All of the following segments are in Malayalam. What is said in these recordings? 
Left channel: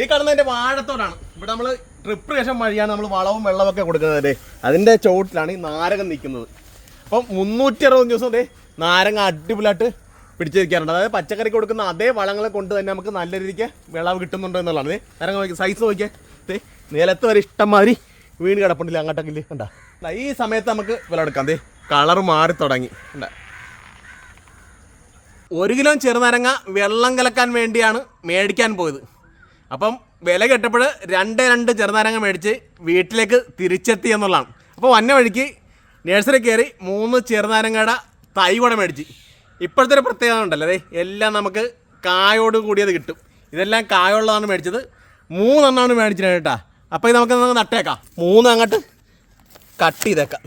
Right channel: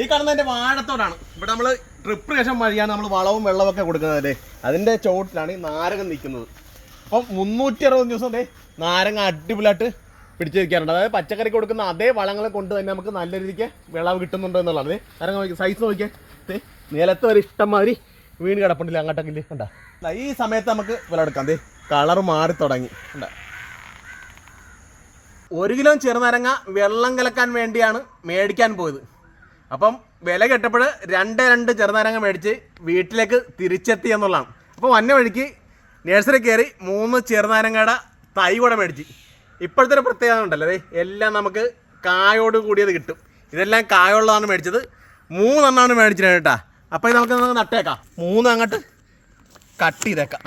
ഈ കാണുന്ന എന്റെ വാഴത്തോടാണ്. ഇവിടെ നമ്മൾ ട്രിപ്പ് ശേഷം വഴിയാണ് നമ്മൾ വളവും വെള്ളവും ഒക്കെ കൊടുക്കുന്നത് അല്ലേ അതിന്റെ ചോട്ടിലാണ് ഈ നാരകം നിൽക്കുന്നത്. അപ്പം മുന്നൂറ്റി അറുപത് ദിവസം ദേ നാരങ്ങ അടിപൊളിയായിട്ട് പിടിച്ചു നിൽക്കാറുണ്ട് അതായത് പച്ചക്കറി കൊടുക്കുന്ന അതേ വളങ്ങളെ കൊണ്ട് തന്നെ നമുക്ക് നല്ല രീതിക്ക് വിളവ് കിട്ടുന്നുണ്ട് എന്നുള്ളതാണ്. നോക്കി സൈസ് നോക്കിയാൽ നിലത്ത് വരെ ഇഷ്ടംമാതിരി വീണ് കിടപ്പുണ്ടല്ലേ അങ്ങോട്ടൊക്കെ കണ്ട? ഈ സമയത്ത് നമുക്ക് വിളവെടുക്കാം ദേ കളർ മാറി തുടങ്ങി. കണ്ട? ഒരു കിലോ ചെറുനാരങ്ങ വെള്ളം കലക്കാൻ വേണ്ടിയാണ് മേടിക്കാൻ പോയത്. അപ്പം വില കെട്ടപ്പോൾ രണ്ട് രണ്ട് ചെറുനാരങ്ങ മേടിച്ച് വീട്ടിലേക്ക് തിരിച്ചെത്തി എന്നുള്ളതാണ്. അപ്പോൾ വന്ന വഴിക്ക് നഴ്സറി കയറി മൂന്ന് ചെറുനാരങ്ങയുടെ തൈ കൂടെ മേടിച്ച്. ഇപ്പോഴത്തെ ഒരു പ്രത്യേകത ഉണ്ടല്ലോ അതെ എല്ലാം നമുക്ക് കായോട് കൂടിയത് കിട്ടും. ഇതെല്ലാം കായുള്ളതാണ് മേടിച്ചത്. മൂന്നെണ്ണമാണ് മേടിച്ചത് കേട്ടാ. അപ്പോൾ ഇത് നമുക്ക് നട്ടേക്കാം. മൂന്ന് അങ്ങോട്ട് കട്ട് ചെയ്തേക്കാം.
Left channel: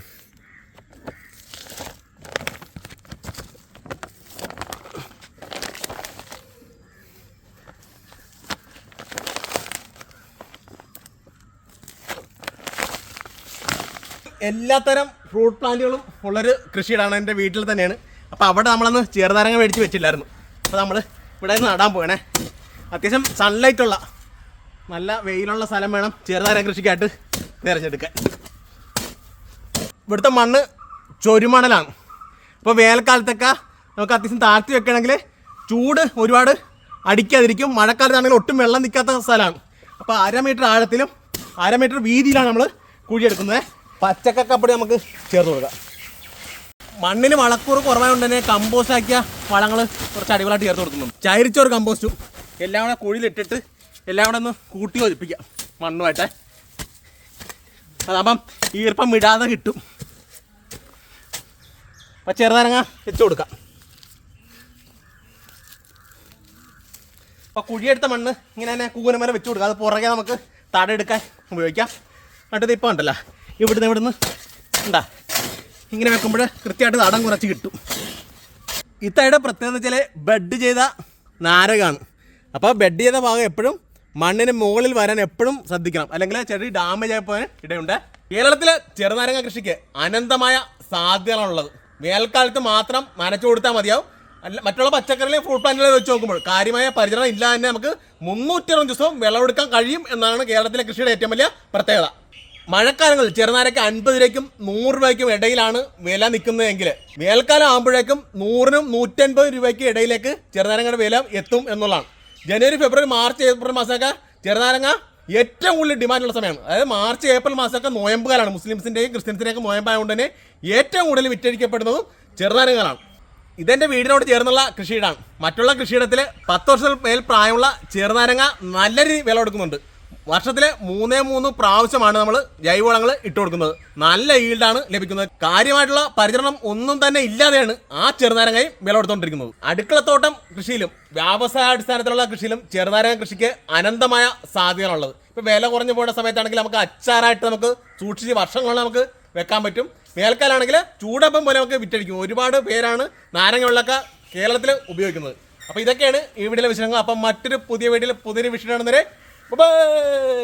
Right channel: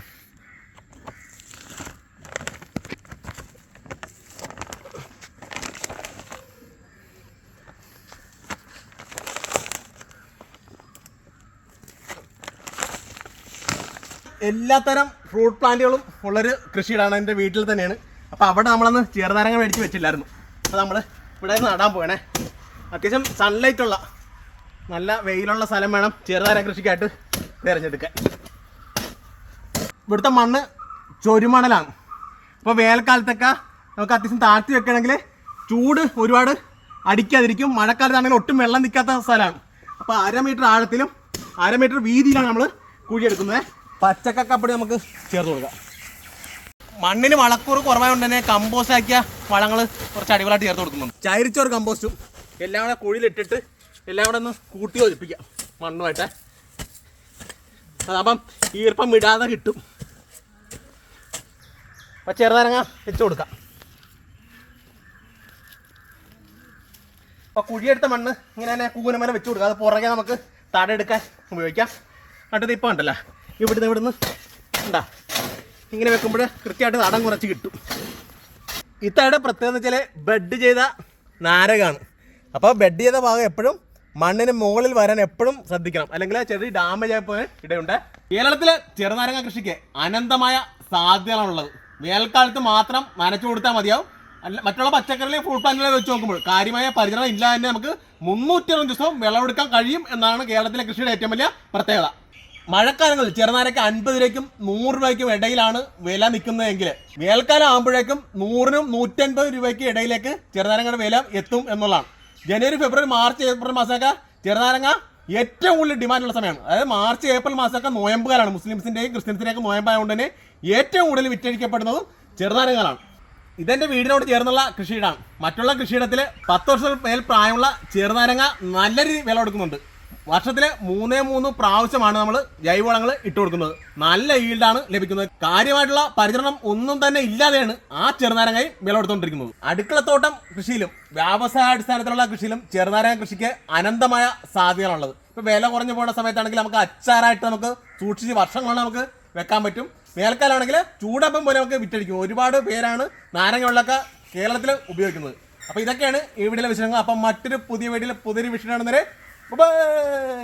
എല്ലാത്തരം ഫ്രൂട്ട് പ്ലാന്റുകളും ഉള്ളൊരു കൃഷിയിടാണ് എന്റെ വീട്ടിൽ തന്നെയാണ്. അപ്പോൾ അവിടെ നമ്മളൊന്ന് ചെറുനാരങ്ങ മേടിച്ച് വെച്ചില്ലായിരുന്നു. അപ്പോൾ നമ്മൾ ഇവിടെ നിന്ന് നടാൻ പോകണേ അത്യാവശ്യം സൺലൈറ്റ് ഉള്ള നല്ല വെയിലുള്ള സ്ഥലം വേണം ചെറുനാരങ്ങ കൃഷിക്കായിട്ട് തിരഞ്ഞെടുക്കാൻ. ഇവിടുത്തെ മണ്ണ് ചൊരുമണലാണ്. അപ്പോൾ വേനൽക്കാലത്തൊക്കെ നമുക്ക് അത്യാവശ്യം താഴ്ത്തി വെക്കണമെങ്കിൽ ചൂട് ഒരുപാട് അടിക്കാതിരിക്കും. മഴക്കാലത്താണെങ്കിൽ ഒട്ടും വെള്ളം നിൽക്കാത്ത സ്ഥലമാണ്. അപ്പോൾ അര മീറ്റർ ആഴത്തിലും അര മീറ്റർ വീതിയിലാണ് നമ്മൾ കുഴിയെടുക്കുന്നത്. പച്ചക്കപ്പടി നമുക്ക് ചേർത്ത് കൊടുക്കാം. മണ്ണിന് വളക്കൂറ് കുറവായതുകൊണ്ട് തന്നെ കമ്പോസ്റ്റ് ആക്കിയ വളങ്ങൾ കുറച്ച് അടിപൊളിയായിട്ട് ചേർത്ത് കൊടുക്കുന്നുണ്ട്. ചൈരിച്ചോറ് കമ്പോസ്റ്റും എല്ലാം കൂടെ കുഴിയിലിട്ടിട്ട് എല്ലാം കൂടെ ഒന്ന് കൂട്ടി ഒലിപ്പിക്കാം മണ്ണുമായിട്ടേ. അതാകുമ്പം ഈർപ്പം വിടാതെ കിട്ടും. അപ്പം ചെറുനാരങ്ങ വെച്ച് കൊടുക്കാം. അപ്പോൾ കുഴിയെടുത്ത മണ്ണ് ഇങ്ങനെ തന്നെ കൂനമര വെച്ച് കൊടുക്കാം. അത് പുറകെ നമുക്ക് തടയെടുക്കാൻ ഉപയോഗിക്കാം. നട്ടത് ഇപ്പോൾ ഉണ്ടല്ലോ. ഇവിടുന്ന് ഇവിടുന്ന്. ഉണ്ടാ ഇങ്ങനെ വെക്കുമ്പോൾ കൃത്യമായിട്ട് തടം കുറച്ച് കിട്ടും. ഇത്തയുടെ പ്രത്യേകത വെച്ചാൽ ബെഡ് ചെയ്ത നാരകമാണ് അപ്പോൾ ബെഡ് ചെയ്ത ഭാഗം എപ്പോഴും മണ്ണിന് മുകളിൽ വരാൻ എപ്പോഴും ശ്രദ്ധിക്കണം. അല്ലെങ്കിൽ ആ ചെടി ഡാമേജ് ആയി പോകാൻ ഇടയുണ്ട്. കേരളത്തിലെ ചെറുനാരങ്ങ കൃഷിക്ക് അനന്തമായ സാധ്യതകളാണുള്ളത്. വേനൽക്കാലത്ത് മാത്രം നനച്ചു കൊടുത്താൽ മതിയാവും. അല്ല മറ്റുള്ള പച്ചക്കറികളെ ഫ്രൂട്ട് പ്ലാന്റുകളെ വെച്ച് നോക്കുമ്പോൾ കാര്യമായ പരിചരണം ഇല്ല തന്നെ നമുക്ക് മുന്നൂറ്റി അറുപത് ദിവസവും വിളവെടുക്കാൻ കഴിയും എന്നാണ് കേരളത്തിലെ കൃഷിയുടെ ഏറ്റവും വലിയ പ്രത്യേകത. മഴക്കാലങ്ങളിൽ ചെറുനാരക്ക് അൻപത് രൂപയ്ക്കും നൂറ് രൂപയ്ക്കും ഇടയിലാണ് വില നിൽക്കുന്നതെങ്കിൽ വേനൽക്കാലം ആകുമ്പോഴേക്കും നൂറിനും നൂറ്റൻപത് രൂപയ്ക്ക് ഇടയിലേക്ക് ചെറുനാരങ്ങയുടെ വില എത്തും എന്നുള്ളതാണ്. ജനുവരി ഫെബ്രുവരി മാർച്ച് ഏപ്രിൽ മാസമൊക്കെ ചെറുനാരങ്ങ ഏറ്റവും കൂടുതൽ ഡിമാൻഡുള്ള സമയമാണ്. അതായത് മാർച്ച് ഏപ്രിൽ മാസമൊക്കെ നോയമ്പുകാലാണ്. മുസ്ലിംസിന്റെയും ക്രിസ്ത്യൻസിന്റെയൊക്കെ നോയമ്പായതുകൊണ്ട് തന്നെ ഏറ്റവും കൂടുതൽ വിറ്റഴിക്കപ്പെടുന്നതും ചെറുനാരങ്ങകളാണ്. ഇതെന്റെ വീടിനോട് ചേർന്നുള്ള കൃഷിയിടാണ്. മറ്റുള്ള കൃഷിയിടത്തിൽ പത്ത് വർഷത്തിൽ മേൽ പ്രായമുള്ള ചെറുനാരങ്ങ നല്ല രീതിയിൽ വില കൊടുക്കുന്നുണ്ട്. വർഷത്തിലെ മൂന്നേ മൂന്ന് പ്രാവശ്യമാണ് നമ്മൾ ജൈവവളങ്ങൾ ഇട്ടു കൊടുക്കുന്നത്. നല്ല ഈൽഡാണ് ലഭിക്കുന്നത്. കാര്യമായിട്ടുള്ള പരിചരണം ഒന്നും തന്നെ ഇല്ലാതെയാണ് ആ ചെറുനാരങ്ങയും വില കൊടുത്തുകൊണ്ടിരിക്കുന്നത് അടുക്കളത്തോട്ടം കൃഷിയിലും വ്യാവസായാടിസ്ഥാനത്തിലുള്ള കൃഷിയിലും ചെറുനാരങ്ങ കൃഷിക്ക് അനന്തമായ സാധ്യതകളുള്ളത്. ഇപ്പോൾ വില കുറഞ്ഞു പോകുന്ന സമയത്താണെങ്കിൽ നമുക്ക് അച്ചാറായിട്ട് നമുക്ക് സൂക്ഷിച്ച് വർഷങ്ങളാണ് നമുക്ക് വെക്കാൻ പറ്റും. വേനൽക്കാലാണെങ്കിൽ ചൂടപ്പം പോലെ നമുക്ക് വിറ്റഴിക്കും. ഒരുപാട് പേരാണ് നാരങ്ങ കേരളത്തിൽ ഉപയോഗിക്കുന്നത്. അപ്പോൾ ഇതൊക്കെയാണ് ഈ വീട്ടിലെ വിഷയങ്ങൾ അപ്പം മറ്റൊരു പുതിയ വീഡിയോയിൽ പുതിയൊരു വിഷയം കാണുന്നവരെ 고 마.